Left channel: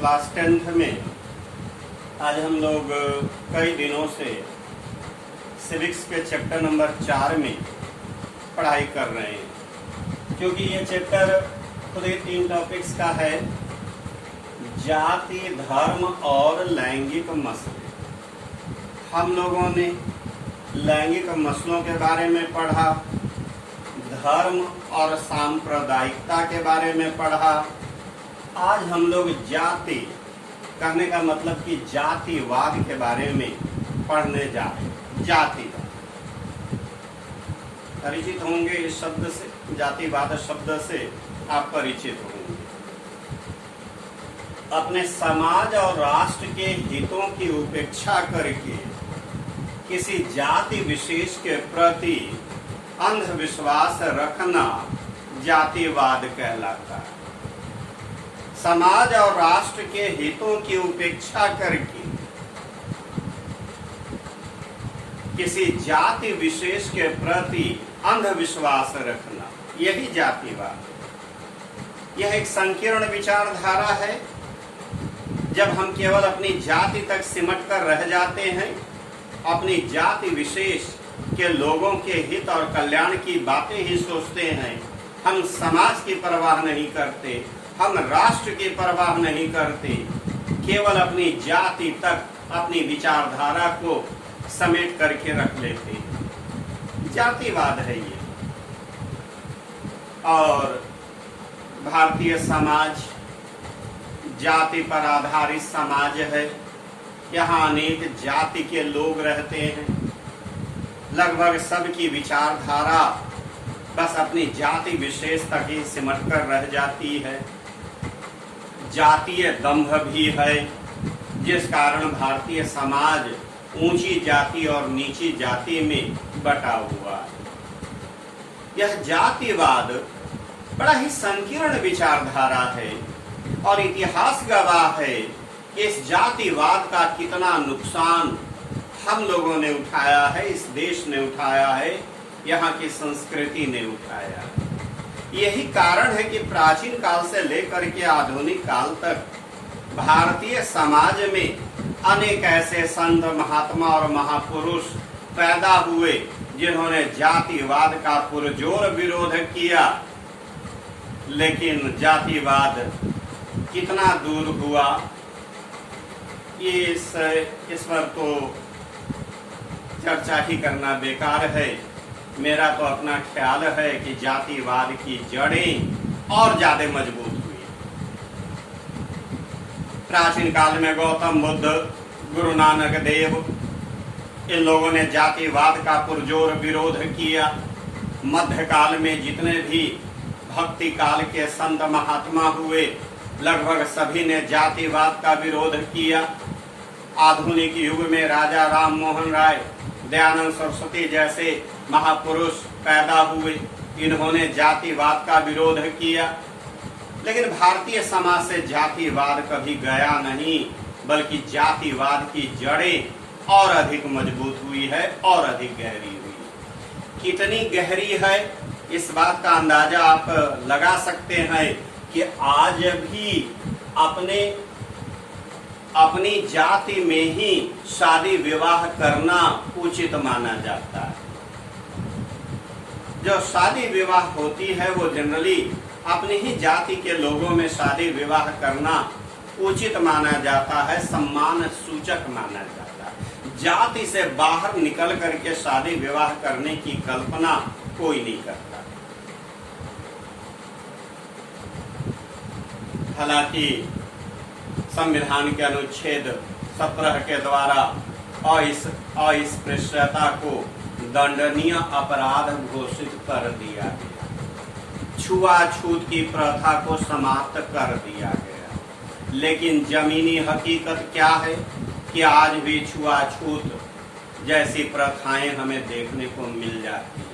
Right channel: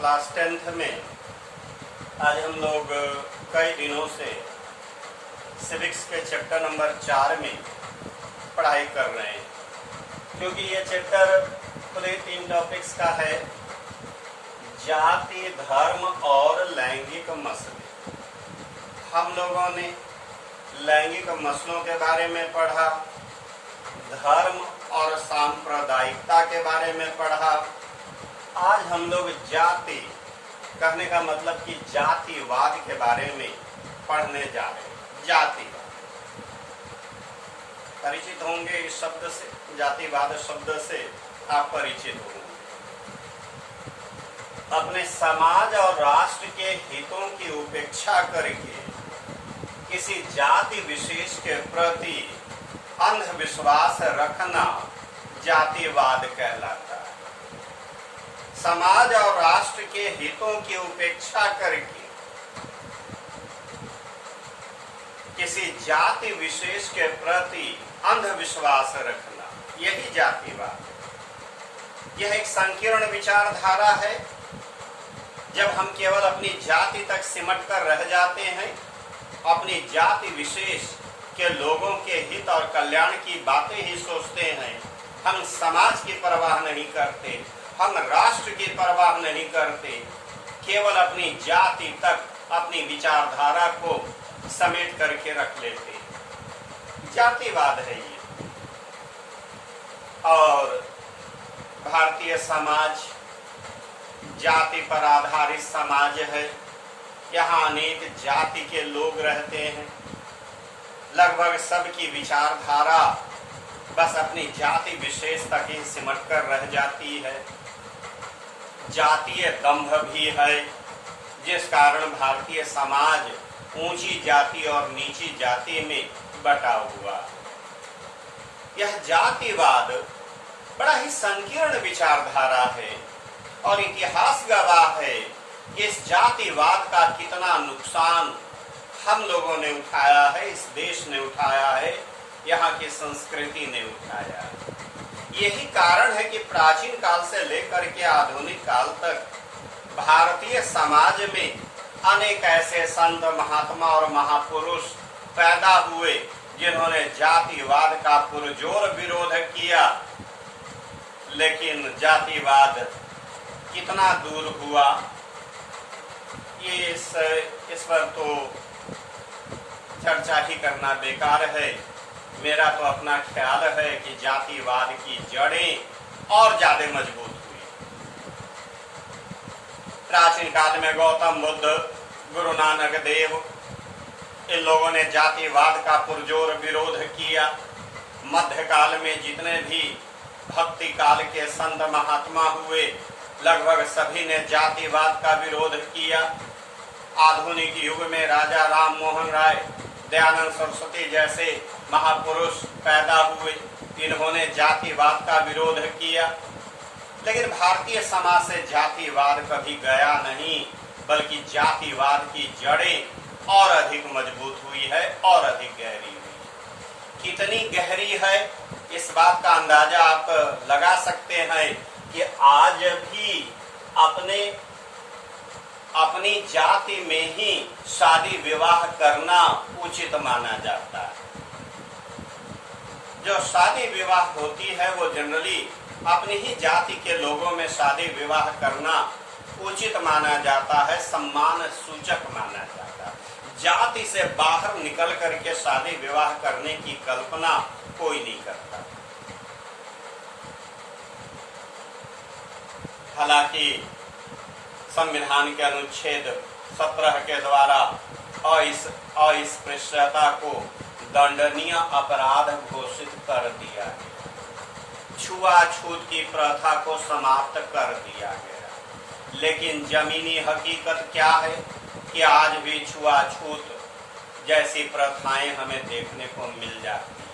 Class 10th में आज हम लोग कई दिनों से सिविक्स के चैप्टर नंबर 4 में पढ़ाई कर रहे हैं, क्योंकि ये चैप्टर पूरे 3 टॉपिक्स का है। जाति, धर्म और लैंगिक मसले। हम लोगों ने लैंगिक मसलों के बारे में पढ़ा, धर्म और सांप्रदायिकता के बारे में पढ़ा। आज हम लोग जाति, कहने का मतलब कि जातिवाद के बारे में पढ़ने जा रहे हैं। जातिवाद परिचित होंगे इस शब्द से, जातिवाद शब्द से आप परिचित होंगे। अपने समाज और राष्ट्र के हितों की उपेक्षा करके किसी जाति विशेष के प्रति अंधविश्वास रखना जातिवाद कहलाता है। समाज और राष्ट्र के हितों की उपेक्षा करके किसी जाति विशेष के प्रति अंधविश्वास रखना, यही जातिवाद है। यह एक संकीर्ण विचारधारा है। जब हम केवल अपनी जाति तक सिमट कर रह जाते हैं, अपनी जाति विशेष के लोगों के हित और कल्याण की बातें ही सोचते हैं, हम समाज की परवाह नहीं करते, हम राष्ट्र की परवाह नहीं करते, केवल अपनी जाति तक अपनी विचारधारा को समेट करके रख लेते हैं, जातिवाद है ये। और भारतीय समाज जाति पर आधारित समाज है। यहाँ अनेक जाति के लोग रहते हैं। लगभग सबकी विचारधारा बस अपनी जाति विशेष तक ही सिमट कर रह जाती है। जातीय दंभ भी है, जिस कारण भारतीय समाज ऊंची जाति और नीची जाति में बटा हुआ। यह जातिवाद बड़ा ही संकीर्ण विचारधारा है और इतिहास गवाह है इस जातिवाद का कितना नुकसान हम लोगों ने उठाया है, इस देश ने उठाया है, यहाँ की संस्कृति ने उठाया है। यही कारण है कि प्राचीन काल से लेकर के आधुनिक काल तक भारतीय समाज में अनेक ऐसे संत, महात्मा और महापुरुष पैदा हुए जिन्होंने जातिवाद का पुरजोर विरोध किया। लेकिन जातिवाद कितना दूर हुआ, इस पर तो चर्चा ही करना बेकार है। मेरा तो अपना ख्याल है कि जातिवाद की जड़ें और ज्यादा मजबूत हुई। प्राचीन काल में गौतम बुद्ध, गुरु नानक देव, इन लोगों ने जातिवाद का पुरजोर विरोध किया। मध्यकाल में जितने भी भक्ति काल के संत महात्मा हुए, लगभग सभी ने जातिवाद का विरोध किया। आधुनिक युग में राजा राम मोहन राय, दयानंद सरस्वती जैसे महापुरुष पैदा हुए, इन्होंने जातिवाद का विरोध किया। लेकिन भारतीय समाज से जातिवाद कभी गया नहीं, बल्कि जातिवाद की जड़ें और अधिक मजबूत हुई है और अधिक गहरी हुई। कितनी गहरी है इस बात का अंदाजा आप लगा सकते हैं कि आज भी अपनी जाति में ही शादी विवाह करना उचित माना जाता है। जो शादी विवाह होती है वो जनरली अपनी ही जाति के लोगों में शादी विवाह करना उचित माना जाता है, सम्मान सूचक माना जाता है। जाति से बाहर निकल करके शादी विवाह करने की कल्पना कोई नहीं करता। हालांकि संविधान के अनुच्छेद 17 के द्वारा अस्पृश्यता को दंडनीय अपराध घोषित कर दिया गया, छुआछूत की प्रथा को समाप्त कर दिया गया। लेकिन जमीनी हकीकत क्या है कि आज भी छुआछूत जैसी प्रथाएं हमें देखने को मिल जाती हैं।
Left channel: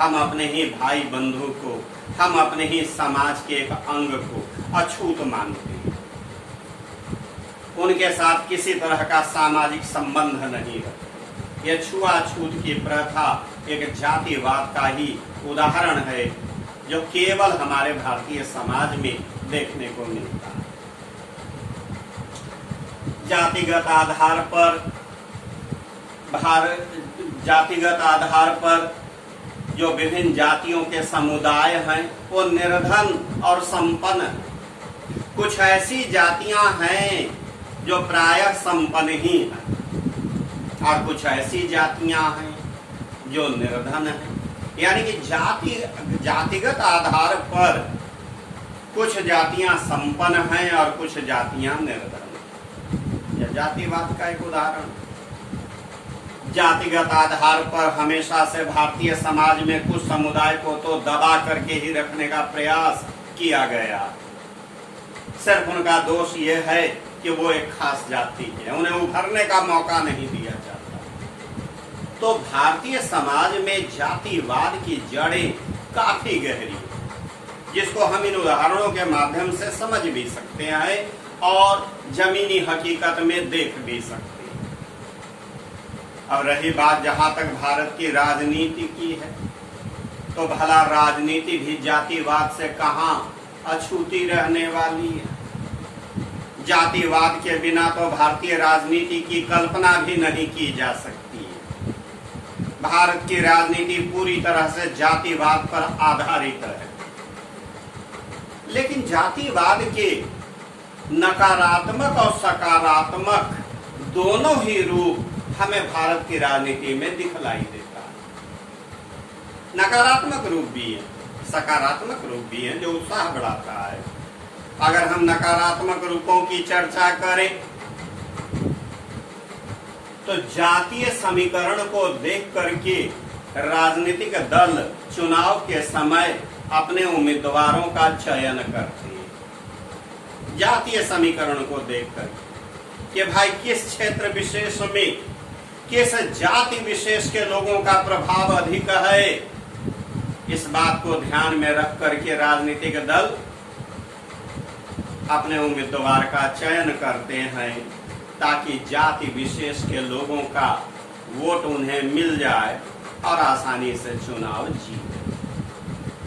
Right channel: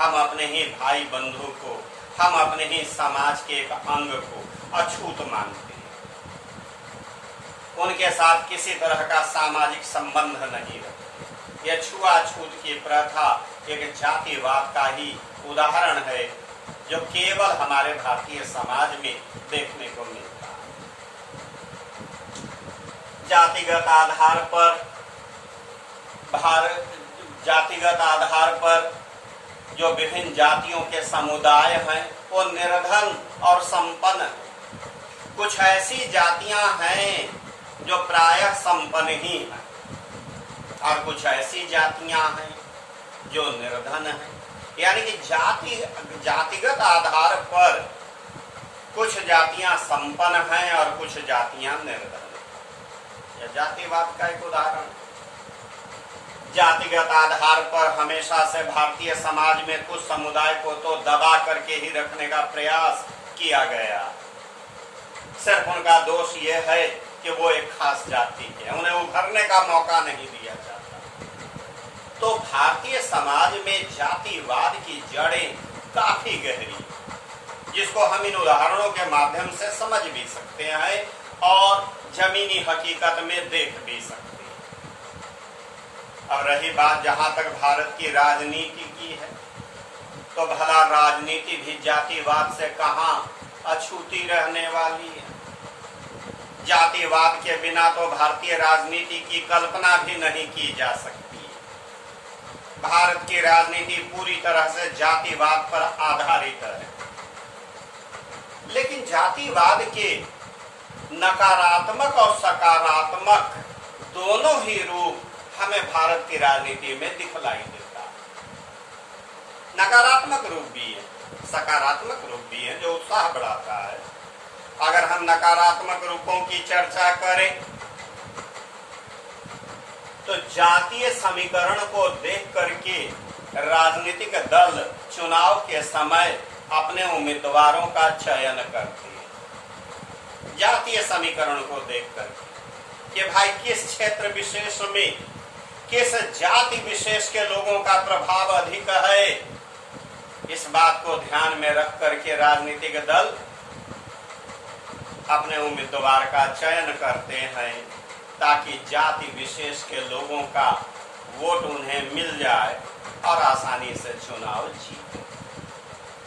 हम अपने ही भाई बंधु को, हम अपने ही समाज के एक अंग को अछूत मानते हैं। उनके साथ किसी तरह का सामाजिक संबंध नहीं रखते। यह छुआछूत की प्रथा एक जातिवाद का ही उदाहरण है, जो केवल हमारे भारतीय समाज में देखने को मिलता है। जातिगत आधार पर जो विभिन्न जातियों के समुदाय हैं वो निर्धन और संपन्न। कुछ ऐसी जातियां हैं जो प्रायः संपन्न ही हैं और कुछ ऐसी जातियां हैं जो निर्धन हैं। यानी कि जातिगत आधार पर कुछ जातियां संपन्न हैं और कुछ जातियां निर्धन हैं। यह जातिवाद का एक उदाहरण। जातिगत आधार पर हमेशा से भारतीय समाज में कुछ समुदाय को तो दबा करके ही रखने का प्रयास किया गया। सिर्फ उनका दोष यह है कि वो एक खास जाति है, उन्हें उभरने का मौका नहीं दिया जाता। तो भारतीय समाज में जातिवाद की जड़ें काफी गहरी है, जिसको हम इन उदाहरणों के माध्यम से समझ भी सकते हैं और जमीनी हकीकत में देख भी सकते हैं। अब रही बात जहां तक भारत की राजनीति की है, तो भला राजनीति भी जातिवाद से कहां अछूती रहने वाली है। जातिवाद के बिना तो भारतीय राजनीति की कल्पना भी नहीं की जा सकती है। भारत की राजनीति पूरी तरह से जातिवाद पर आधारित है। लेकिन जातिवाद के नकारात्मक और सकारात्मक दोनों ही रूप हमें भारत की राजनीति में दिखलाई देता है। नकारात्मक रूप भी है, सकारात्मक रूप भी है जो उत्साह बढ़ाता है। अगर हम नकारात्मक रूपों की चर्चा करें तो जातीय समीकरण को देख करके राजनीतिक दल चुनाव के समय अपने उम्मीदवारों का चयन करते हैं। जातीय समीकरण को देखकर कि भाई किस क्षेत्र विशेष में किस जाति विशेष के लोगों का प्रभाव अधिक है, इस बात को ध्यान में रख करके राजनीतिक दल अपने उम्मीदवार का चयन करते हैं ताकि जाति विशेष के लोगों का वोट उन्हें मिल जाए और आसानी से चुनाव जीते।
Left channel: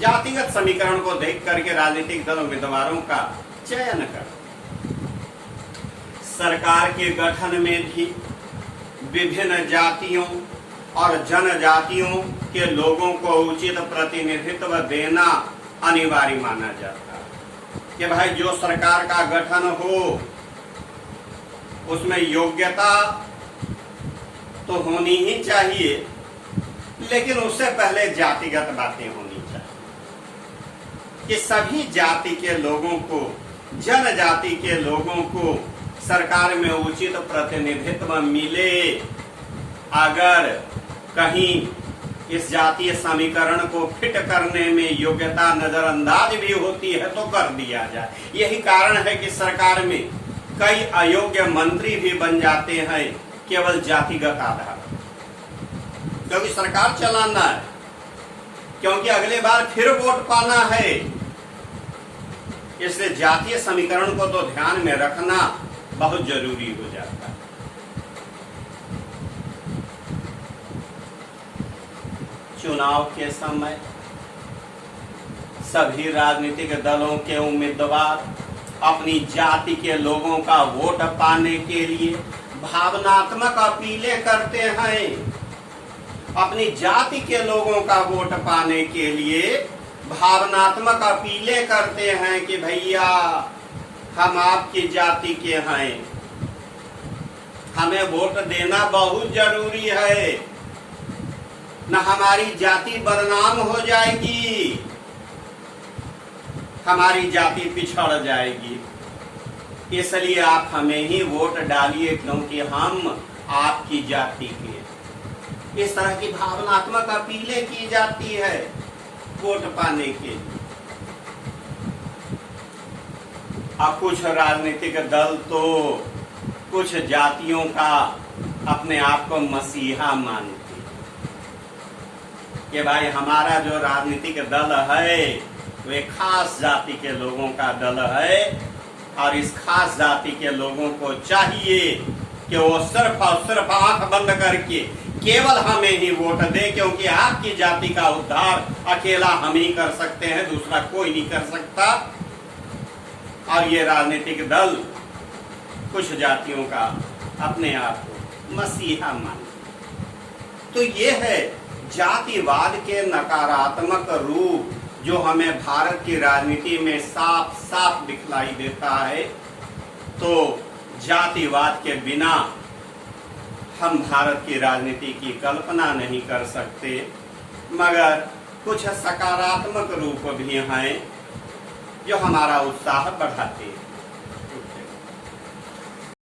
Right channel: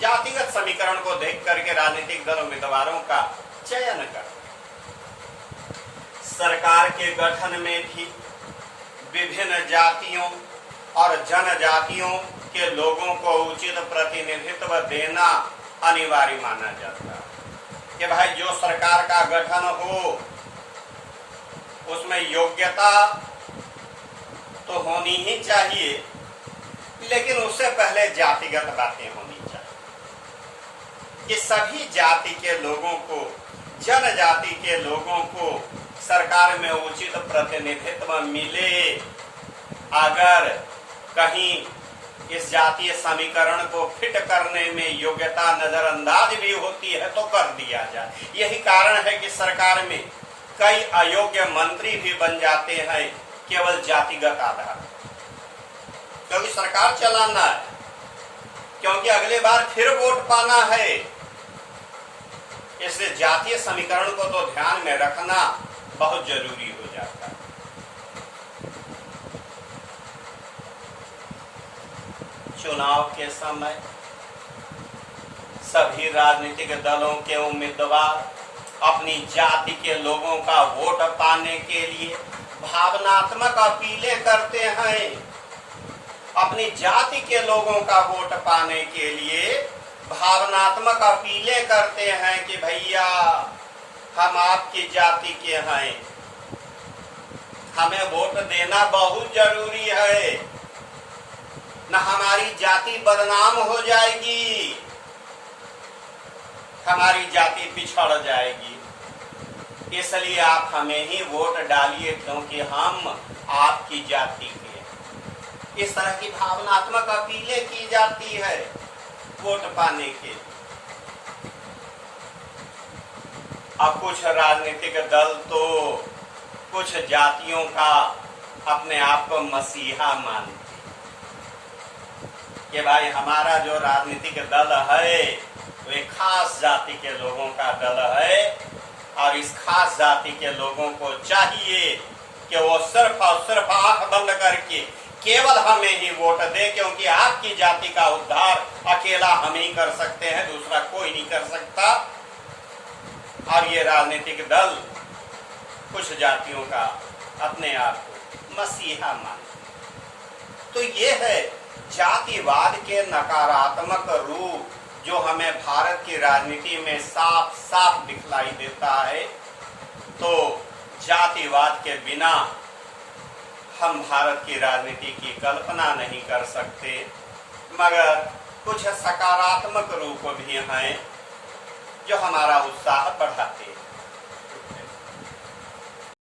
जातिगत समीकरण को देख करके राजनीतिक दल उम्मीदवारों का चयन करते। सरकार के गठन में भी विभिन्न जातियों और जनजातियों के लोगों को उचित प्रतिनिधित्व देना अनिवार्य माना जाता है कि भाई जो सरकार का गठन हो उसमें योग्यता तो होनी ही चाहिए, लेकिन उससे पहले जातिगत बातें होनी चाहिए कि सभी जाति के लोगों को, जनजाति के लोगों को सरकार में उचित प्रतिनिधित्व मिले। अगर कहीं इस जातीय समीकरण को फिट करने में योग्यता नजरअंदाज भी होती है तो कर दिया जाए। यही कारण है कि सरकार में कई अयोग्य मंत्री भी बन जाते हैं केवल जातिगत आधार, क्योंकि सरकार चलाना है, क्योंकि अगले बार फिर वोट पाना है। इसलिए जातीय समीकरण को तो ध्यान में रखना बहुत जरूरी हो जाता है। चुनाव के समय सभी राजनीतिक दलों के उम्मीदवार अपनी जाति के लोगों का वोट पाने के लिए भावनात्मक अपीलें करते हैं। अपनी जाति के लोगों का वोट पाने के लिए भावनात्मक अपीलें करते हैं कि भैया हम आपकी जाति के हैं, हमें वोट देना बहुत जरूरी है, न हमारी जाति बदनाम हो जाएगी, हमारी जाति पिछड़ जाएगी, इसलिए आप हमें ही वोट डालिए क्योंकि हम आपकी जाति के हैं। इस तरह की भावनात्मक अपीलें की जाती है वोट पाने के लिए। अब कुछ राजनीतिक दल तो कुछ जातियों का अपने आप को मसीहा मानते कि भाई हमारा जो राजनीतिक दल है वो एक खास जाति के लोगों का दल है और इस खास जाति के लोगों को चाहिए कि वो सिर्फ और सिर्फ आंख बंद करके केवल हमें ही वोट दे, क्योंकि आपकी जाति का उद्धार अकेला हम ही कर सकते हैं, दूसरा कोई नहीं कर सकता। और ये राजनीतिक दल कुछ जातियों का अपने आप को मसीहा मान। तो ये है जातिवाद के नकारात्मक रूप जो हमें भारत की राजनीति में साफ साफ दिखलाई देता है। तो जातिवाद के बिना हम भारत की राजनीति की कल्पना नहीं कर सकते, मगर कुछ सकारात्मक रूप भी हैं जो हमारा उत्साह बढ़ाते हैं।